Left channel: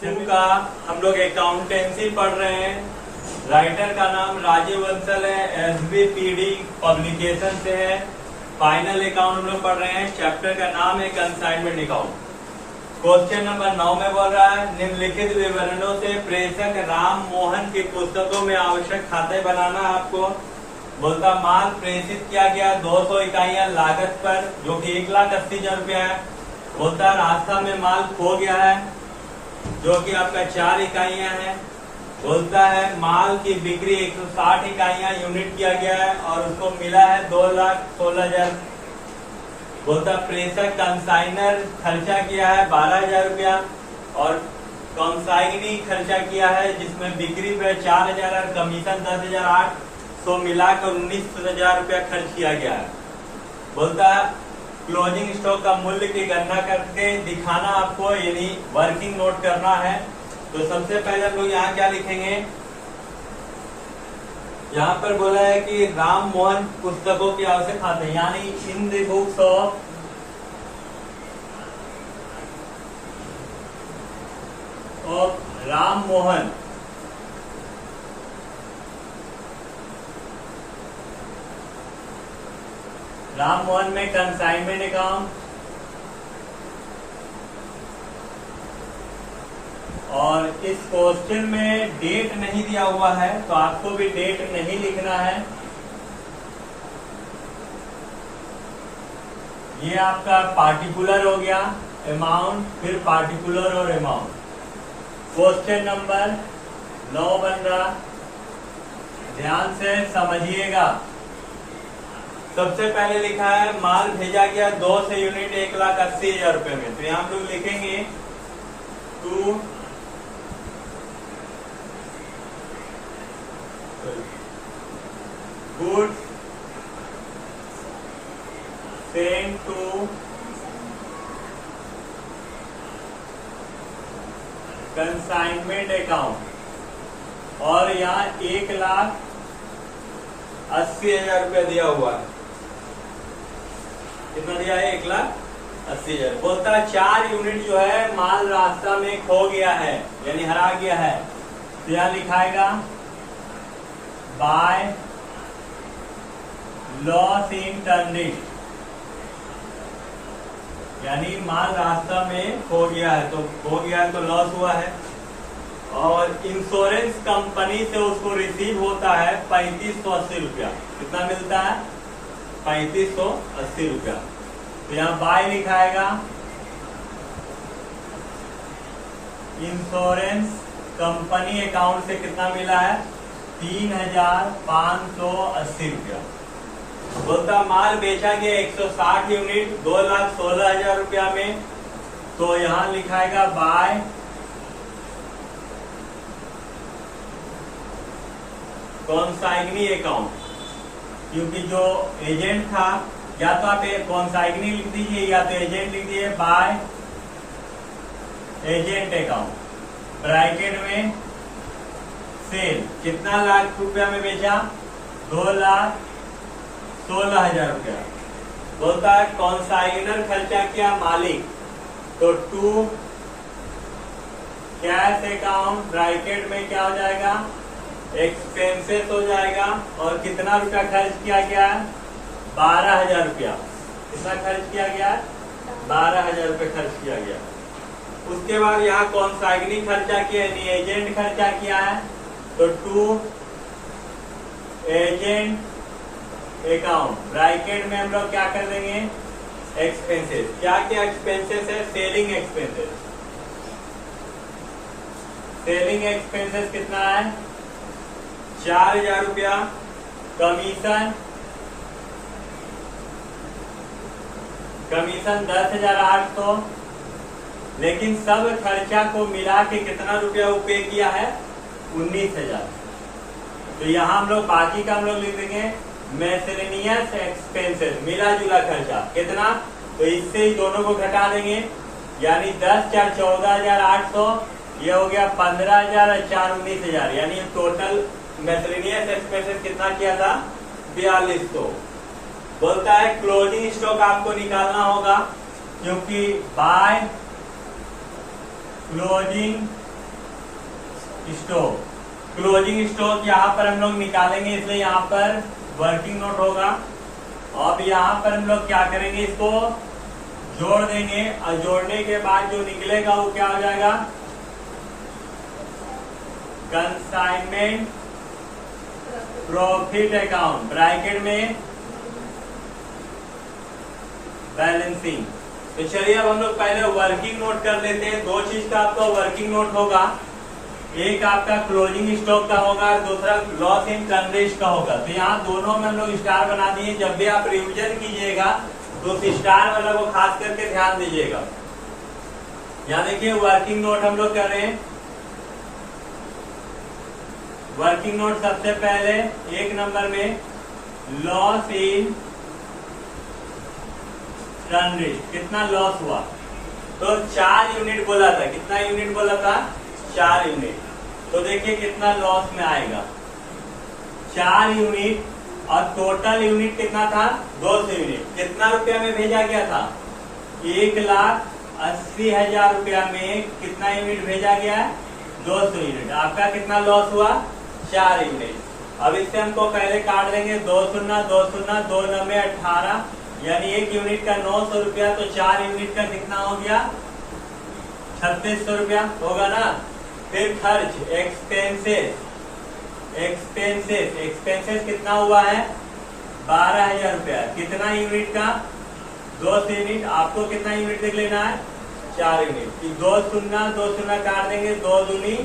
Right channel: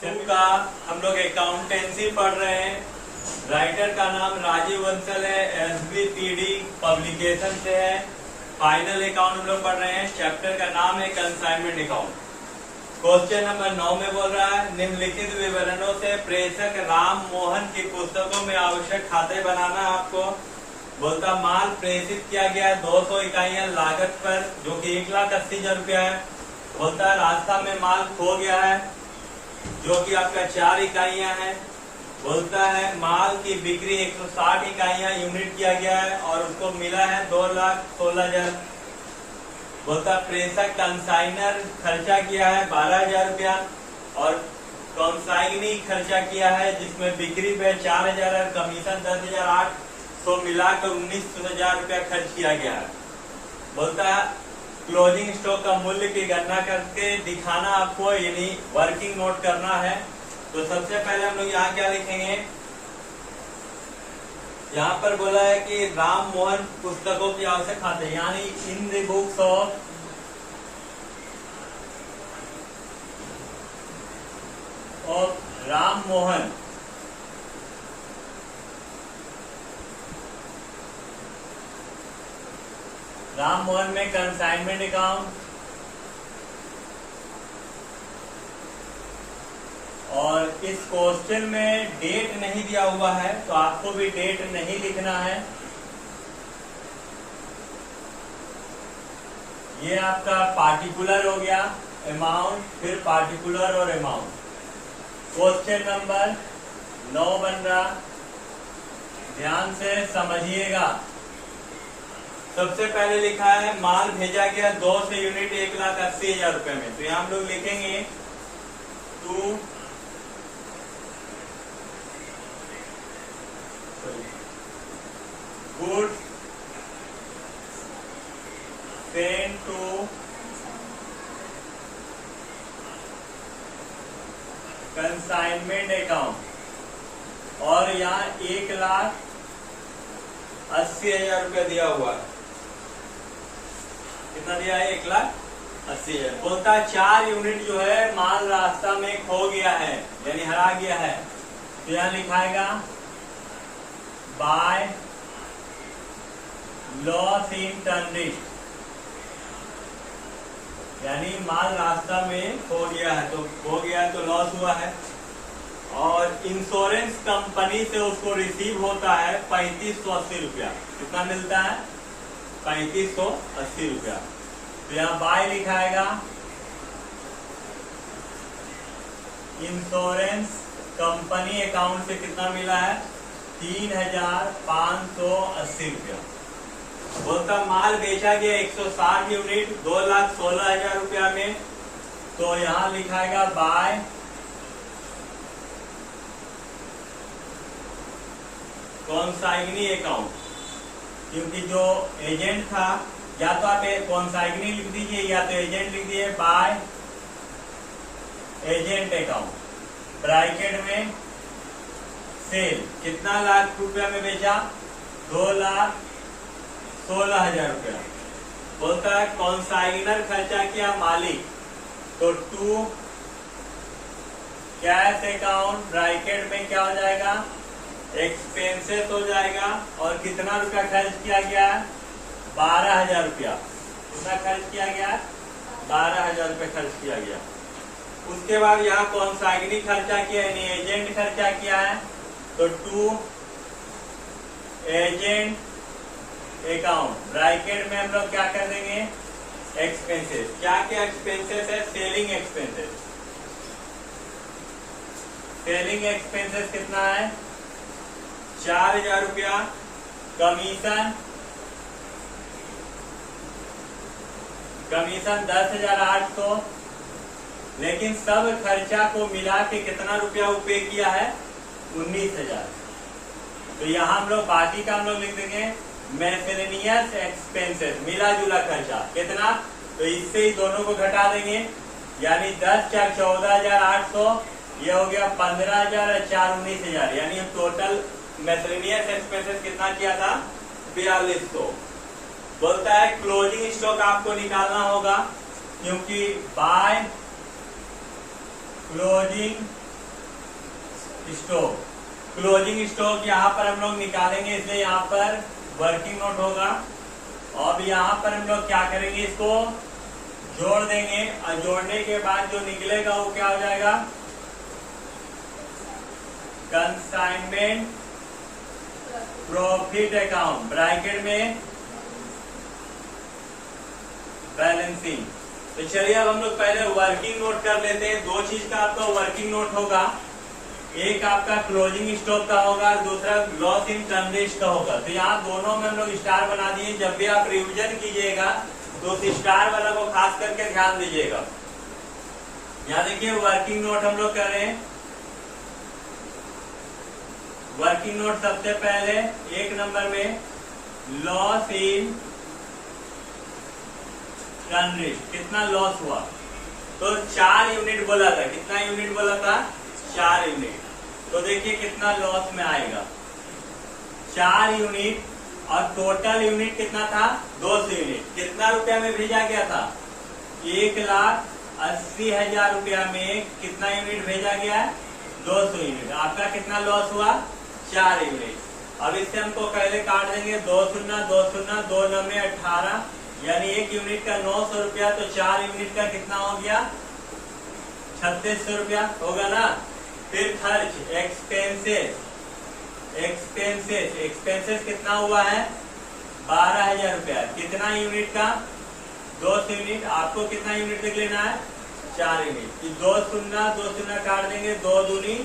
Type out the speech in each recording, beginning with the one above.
To का हम लोग अकाउंटेंसी पढ़ रहे हैं। राइटर का नाम राजीव बंसल है, SBPD पब्लिकेशन से है। फाइनल अकाउंट हम लोग पढ़ रहे हैं। चैप्टर का नाम है कंसाइनमेंट अकाउंट। क्वेश्चन नंबर 9 में बोल रहा है, निम्नलिखित विवरणों से प्रेषक राम मोहन की पुस्तकों में आवश्यक खाते बनाना। आपको बोलता माल प्रेषित किया गया 200 इकाइयां लागत पर, जो कि 1,80,000 रुपया है। बोलता रास्ता में माल खो गया है, जो कि आपका 4 इकाइयां हैं। बोलता है माल की बिक्री 160 इकाइयां यूनिट किया गया है और उसको मिला है 2,16,000। बोलता प्रेषक कंसाइनर खर्चा किया है 12,000 रुपया और कंसाइनी खर्चा किया है, जिसमें बिक्री पे 4,000 और कमीशन 10,008, तो मिलाकर 19,000 रुपया खर्च किया गया है। बोलता है क्लोजिंग स्टॉक का मूल्य की गणना करके दिखाना आपको, यानी वर्किंग नोट करना है। तो सबसे पहले हम लोग यहाँ क्या लिखेंगे, यहाँ पर बोला है कि राम मोहन पुस्तकों की आवश्यक खाते, यानी in the books of Ram Mohan. Ram Mohan में कंसाइनमेंट अकाउंट और इस क्वेश्चन में डेट नहीं दिया हुआ है, तो आपको भी डेट नहीं लिखना है। ये आपका पार्टिकुलर हो गया अमाउंट, फिर पार्टिकुलर और अमाउंट। क्वेश्चन नंबर 9 बन रहा, ध्यान से समझिएगा। सबसे पहले लिखा है माल भेजा गया 200 यूनिट 1,80,000 रुपए में, तो यहाँ हम लोग लिखेंगे to goods sent to consignment account, और यहाँ 1,80,000 रुपया दिया हुआ है। कितना दिया है? 1,80,000। बोलता 4 यूनिट जो है माल रास्ता में खो गया है, यानी हरा गया है। तो यहाँ लिखाएगा बाय लॉस इन ट्रांजिट, यानी माल रास्ता में खो गया है, तो खो गया है तो लॉस हुआ है। और इंश्योरेंस कंपनी से उसको रिसीव होता है 3,580 रुपया। कितना मिलता है? 3,580 रुपया। तो यहाँ बाय लिखाएगा इंश्योरेंस कंपनी अकाउंट से कितना मिला है? 3,580 रुपया। बोलता माल बेचा गया 160 यूनिट 2,16,000 रुपया में, तो यहाँ लिखाएगा बाय कॉन्साइग्नी अकाउंट, क्योंकि जो एजेंट था, या तो आप कॉन्साइग्नी लिख दीजिए या तो एजेंट लिख दीजिए, बाय एजेंट अकाउंट ब्रैकेट में सेल। कितना लाख रुपया में बेचा? 2,16,000 रुपया। बोलता है कॉन्साइग्नर खर्चा किया मालिक, तो टू कैश अकाउंट ब्रैकेट में क्या हो जाएगा? एक्सपेंसेस हो जाएगा। और कितना रुपया खर्च किया गया है? 12,000 रुपया। कितना खर्च किया गया? 12,000 रुपया खर्च किया गया। उसके बाद यहाँ कॉन्साइग्नी खर्चा किया, यानी एजेंट खर्चा किया है, तो टू एजेंट अकाउंट ब्रैकेट में हम लोग क्या कर देंगे? एक्सपेंसेस। क्या क्या एक्सपेंसेस है? Selling expenses. सेलिंग एक्सपेंसेस कितना है? 4,000 रुपया। कमीशन 10,800। लेकिन सब खर्चा को मिला के कितना रुपया वो पे किया है? 19,000। तो यहाँ हम लोग बाकी का हम लोग लिख देंगे मिसलेनियस एक्सपेंसेस, मिला जुला खर्चा। कितना? तो इससे ही दोनों को घटा देंगे, यानी 10 4 14,800, ये हो गया 15,000 और 4 19,000, यानी टोटल मिसलेनियस एक्सपेंसेस कितना किया था? 4,200। बोलता है क्लोजिंग स्टॉक आपको निकालना होगा, क्योंकि by closing stock. Closing stock यहाँ पर हम लोग निकालेंगे, इसलिए यहाँ पर वर्किंग नोट होगा। अब यहाँ पर हम लोग क्या करेंगे, इसको जोड़ देंगे और जोड़ने के बाद जो निकलेगा वो क्या हो जाएगा, कंसाइनमेंट प्रॉफिट अकाउंट, ब्रैकेट में बैलेंसिंग। तो चलिए अब हम लोग पहले वर्किंग नोट कर लेते हैं। दो चीज का आपको वर्किंग नोट होगा, एक आपका क्लोजिंग स्टॉक का होगा, दूसरा लॉस इन टर्नरेज का होगा। तो यहाँ दोनों में हम लोग स्टार बना दिए। जब भी आप रिवीजन कीजिएगा तो उस स्टार वाला को खास करके ध्यान दीजिएगा। यहाँ देखिए वर्किंग नोट हम लोग कर रहे हैं। वर्किंग नोट सबसे पहले एक नंबर में लॉस इन टर्नरेज, कितना लॉस हुआ, तो 4 यूनिट बोला था। कितना यूनिट बोला था, 4 यूनिट। तो देखिए कितना लॉस में आएगा, 4 यूनिट। और टोटल यूनिट कितना था, 200 यूनिट। कितना रुपया में भेजा गया था, 1,80,000 रुपया में कितना यूनिट भेजा गया, 200 यूनिट। आपका कितना लॉस हुआ, 4 यूनिट। अब इससे हमको पहले काट देंगे, 2 शून्य 2 शून्य 2 9 18, यानी 1 यूनिट का 900 रुपया। तो 4 यूनिट का कितना हो गया, 3600 रुपया होगा ना। फिर खर्च, एक्सपेंसेस कितना हुआ है, 12,000 रुपया। कितना यूनिट का, 200 यूनिट। आपको कितना यूनिट देख लेना है, 4 यूनिट। 2 शून्य काट देंगे, 2 दूनी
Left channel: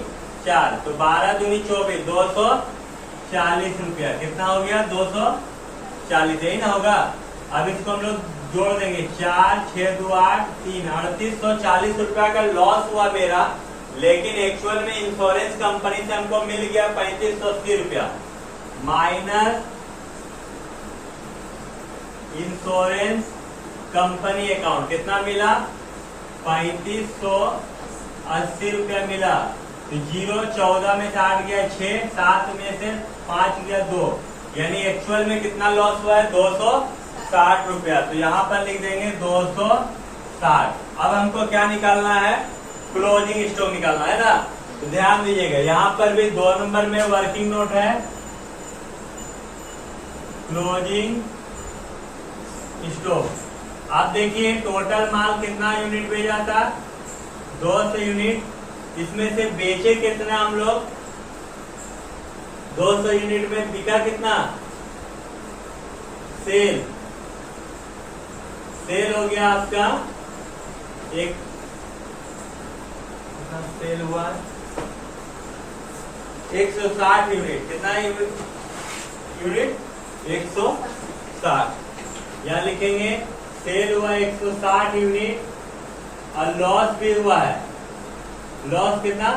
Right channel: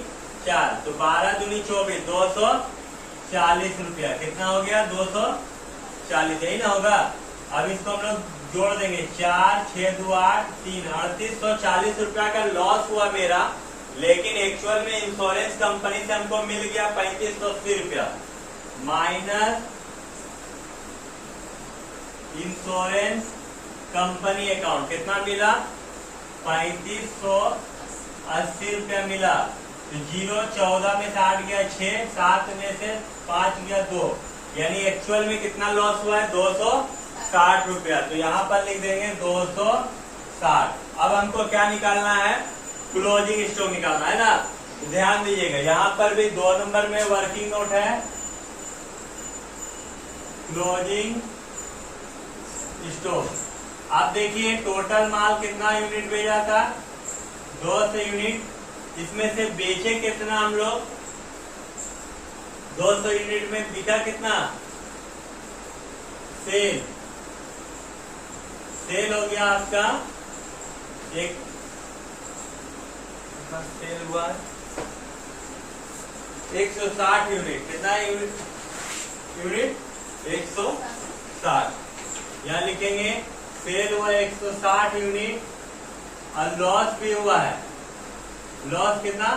4, तो 12 दूनी 24, 240 रुपया। कितना हो गया, 240, यही ना होगा। अब इसको हम लोग जोड़ देंगे, 4 6 2 8 3, 3840 रुपया का लॉस हुआ मेरा। लेकिन एक्चुअल में इंश्योरेंस कंपनी से हमको मिल गया 3580 रुपया, माइनस इंश्योरेंस कंपनी अकाउंट कितना मिला, 3580 रुपया मिला। तो 0 14 में से 8 गया 6, 7 में से 5 गया 2, यानी एक्चुअल में कितना लॉस हुआ है, 260 रुपया। तो यहाँ पर लिख देंगे 260। अब हमको क्या निकालना है, क्लोजिंग स्टॉक निकालना है ना। तो ध्यान दीजिएगा, यहाँ पर भी 2 नंबर में वर्किंग नोट है, क्लोजिंग स्टॉक। आप देखिए टोटल माल कितना यूनिट भेजा था, 200 यूनिट। इसमें से बेचे कितना हम लोग, 200 यूनिट में बिका कितना, सेल हो गया आपका एक, सेल हुआ 160 यूनिट। कितना यूनिट 160। यहाँ लिखेंगे सेल हुआ 160 यूनिट और लॉस भी हुआ है, लॉस कितना,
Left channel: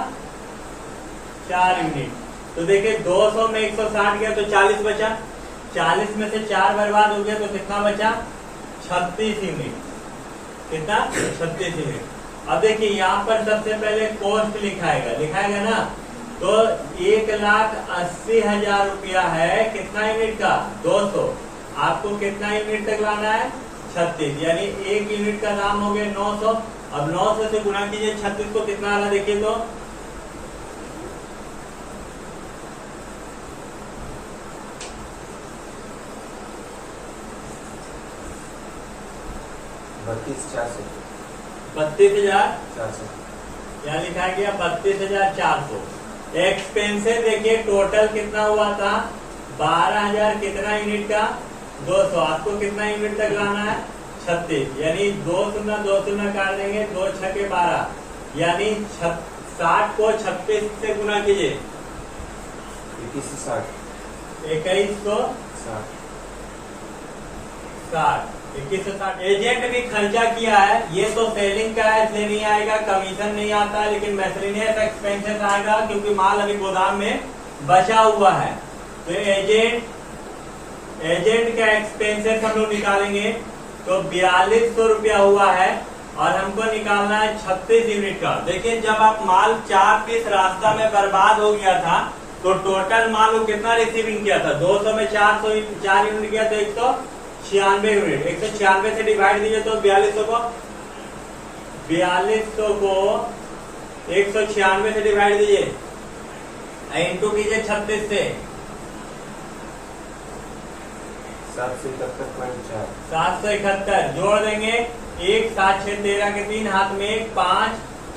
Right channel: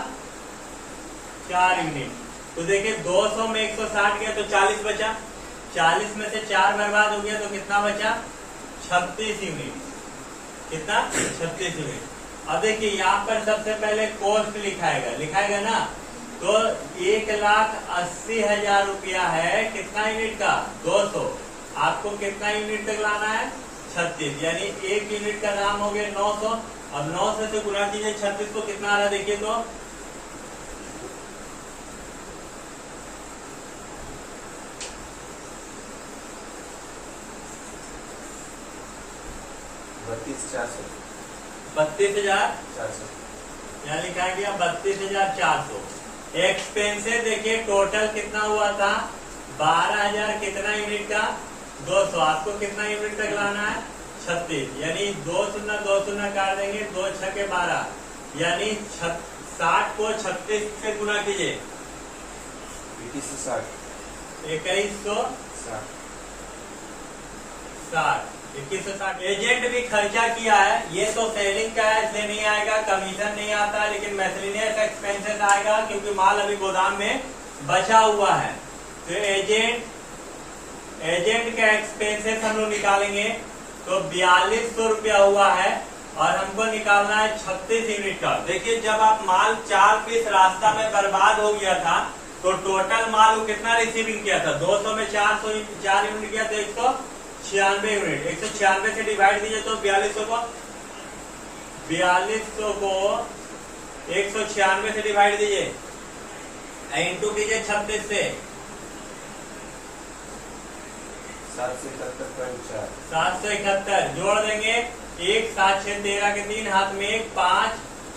4 यूनिट। तो देखिए 200 में 160 गया तो 40 बचा, 40 में से 4 बर्बाद हो गया तो कितना बचा, 36 यूनिट। कितना, 36 यूनिट। अब देखिए यहाँ पर सबसे पहले कॉस्ट लिखाएगा ना। तो 1,80,000 रुपया है, कितना यूनिट का, 200। आपको कितना यूनिट तक लाना है, 36, यानी 1 यूनिट का दाम हो गया 900। अब 900 से गुणा कीजिए 36 को, कितना आ रहा देखिए तो, बत्तीस हजार 400, यहाँ लिखा गया 32,400। एक्सपेंसेस देखिए टोटल कितना हुआ था, 12,000। कितना यूनिट का, 200। आपको कितना यूनिट तक लाना है, 36, यानी 2 शून्य 2 शून्य काट देंगे, 2 6 12, यानी 60 को 36 से गुना कीजिए, 2160। एजेंट भी खर्चा किया है, ये तो सेलिंग का है, इसलिए नहीं आएगा, कमीशन नहीं आता है, लेकिन मैथलिनियस एक्सपेंसेस आएगा क्योंकि माल अभी गोदाम में बचा हुआ है। तो एजेंट का एक्सपेंसेस हम लोग निकालेंगे, तो 4200 रुपया हुआ है और हमको निकालना है 36 यूनिट का। देखिए जब आप माल 4 पीस रास्ता में बर्बाद हो गया था तो टोटल माल वो कितना रिसीविंग किया था, 200 में 4 यूनिट किया था, 196 यूनिट। 196 से डिवाइड दीजिए तो 4200 को 196 से डिवाइड दीजिए इंटू कीजिए 36 से 771.4 771 जोड़ देंगे 1 7 6 13 के 3 हाथ में 1 5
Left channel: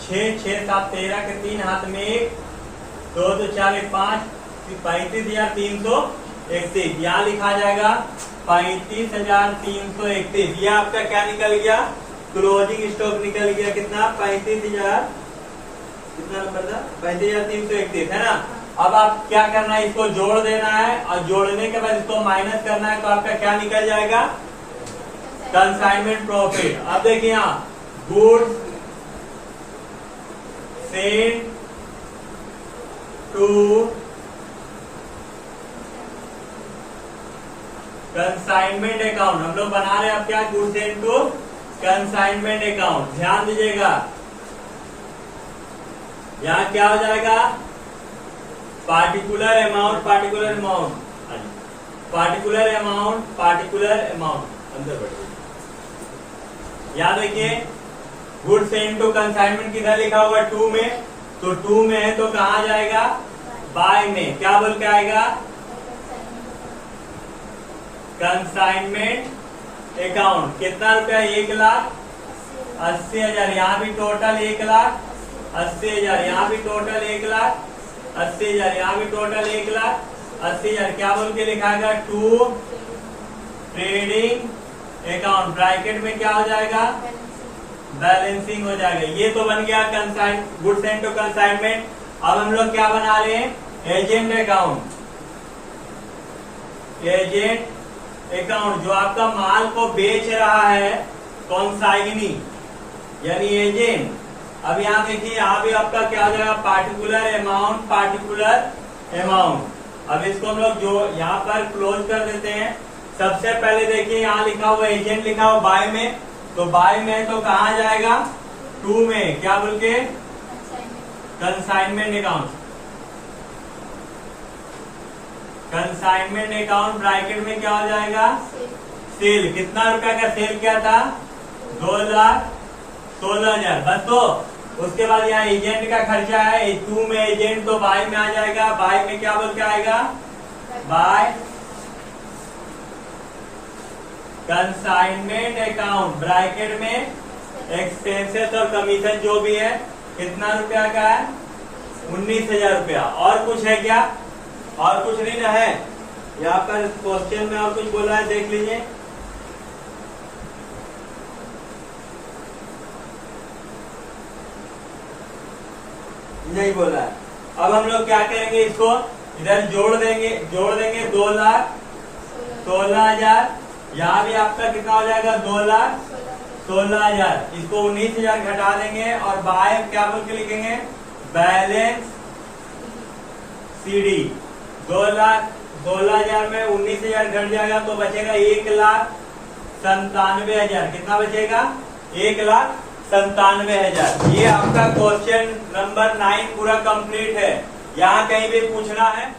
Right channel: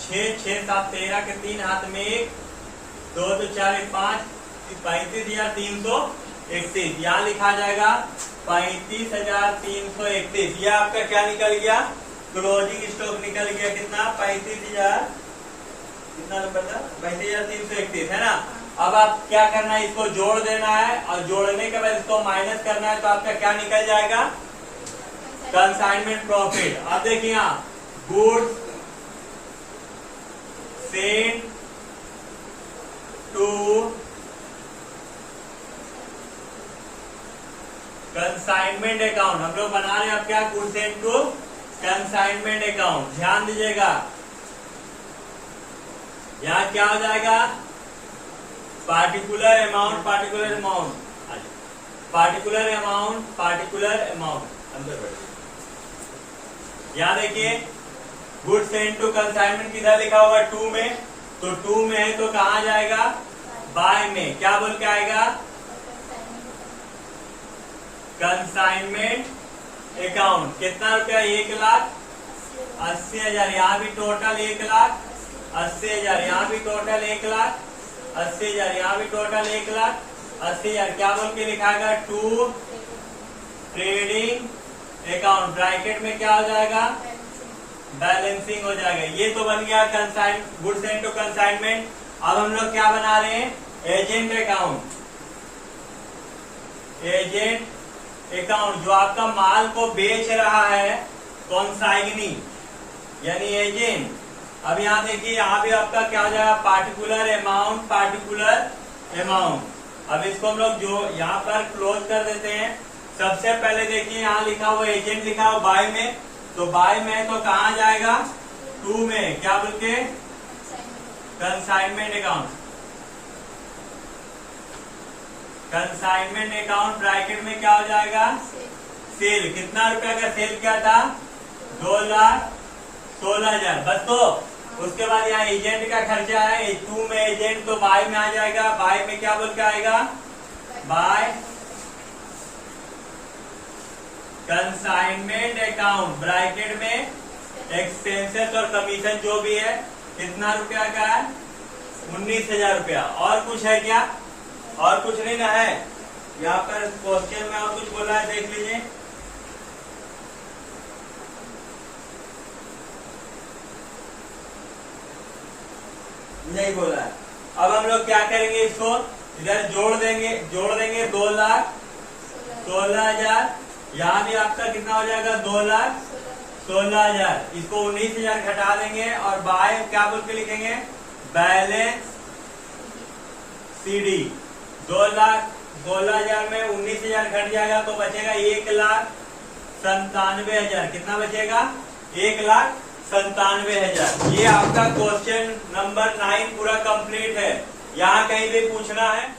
6 6 7 13 के 3 हाथ में 1 2 2 4 1 5 35,331 यहाँ लिखा जाएगा 35,331। ये आपका क्या निकल गया, क्लोजिंग स्टॉक निकल गया कितना 35,000 कितना नंबर था 35,331 है ना। अब आप क्या करना है, इसको जोड़ देना है और जोड़ने के बाद इसको माइनस करना है तो आपका क्या निकल जाएगा कंसाइनमेंट प्रॉफिट। अब देखिए यहाँ goods sent to consignment account, हम लोग बना रहे हैं अब क्या goods sent to consignment account. ध्यान दीजिएगा यहाँ क्या हो जाएगा particular amount particular amount particular amount particular amount अंदर बैठिए। यहाँ देखिए गुड सेंट टू कंसाइनमेंट किधर लिखा होगा 2 में, तो 2 में है तो कहाँ जाएगा बाय में, क्या बोल के आएगा कंसाइनमेंट अकाउंट। कितना रुपया 1,80,000, यहाँ भी टोटल 1,80,000, यहाँ भी टोटल 1,80,000, यहाँ भी टोटल 1,80,000। क्या बोल के लिखाएगा टू ट्रेडिंग अकाउंट, ब्रैकेट में क्या हो जाएगा बैलेंसिंग हो जाएगा। ये तो बन गया consign good sent to consignment. अब हम लोग क्या बना रहे हैं एजेंट अकाउंट। एजेंट अकाउंट जो आपका माल को बेच रहा है कॉन्साइगनी यानी एजेंट। अब यहाँ देखिए यहाँ भी आपका क्या हो जाएगा पार्टिकुलर अमाउंट पार्टिकुलर अमाउंट। अब इसको हम लोग जो यहाँ पर क्लोज कर देते हैं। सबसे पहले देखिए यहाँ लिखा हुआ एजेंट लिखा हुआ बाय में, तो बाय में तो कहाँ जाएगा 2 में, क्या बोल के consignment account. Consignment account bracket में क्या हो जाएगा सेल। कितना रुपया का सेल क्या था 2,16,000 बस। तो उसके बाद यहाँ एजेंट का खर्चा है 2 में एजेंट तो बाय में आ जाएगा। बाय में क्या बोल के आएगा बाय कंसाइनमेंट अकाउंट ब्रैकेट में एक्सपेंसेस और कमीशन जो भी है कितना रुपया का है 19,000 रुपया। और कुछ है क्या, और कुछ नहीं ना है। यहाँ पर क्वेश्चन में और कुछ बोला है देख लीजिए। नहीं बोला है। अब हम लोग क्या करेंगे इसको इधर जोड़ देंगे 2,16,000। यहाँ भी आपका कितना हो जाएगा 2,16,000। इसको 19,000 घटा देंगे और बाय क्या बोल के लिखेंगे बैलेंस सीडी। 16,000 में 19,000 घट जाएगा तो बचेगा 1,97,000। कितना बचेगा 1,97,000। ये आपका क्वेश्चन नंबर 9 पूरा कंप्लीट है। यहाँ कहीं भी पूछना है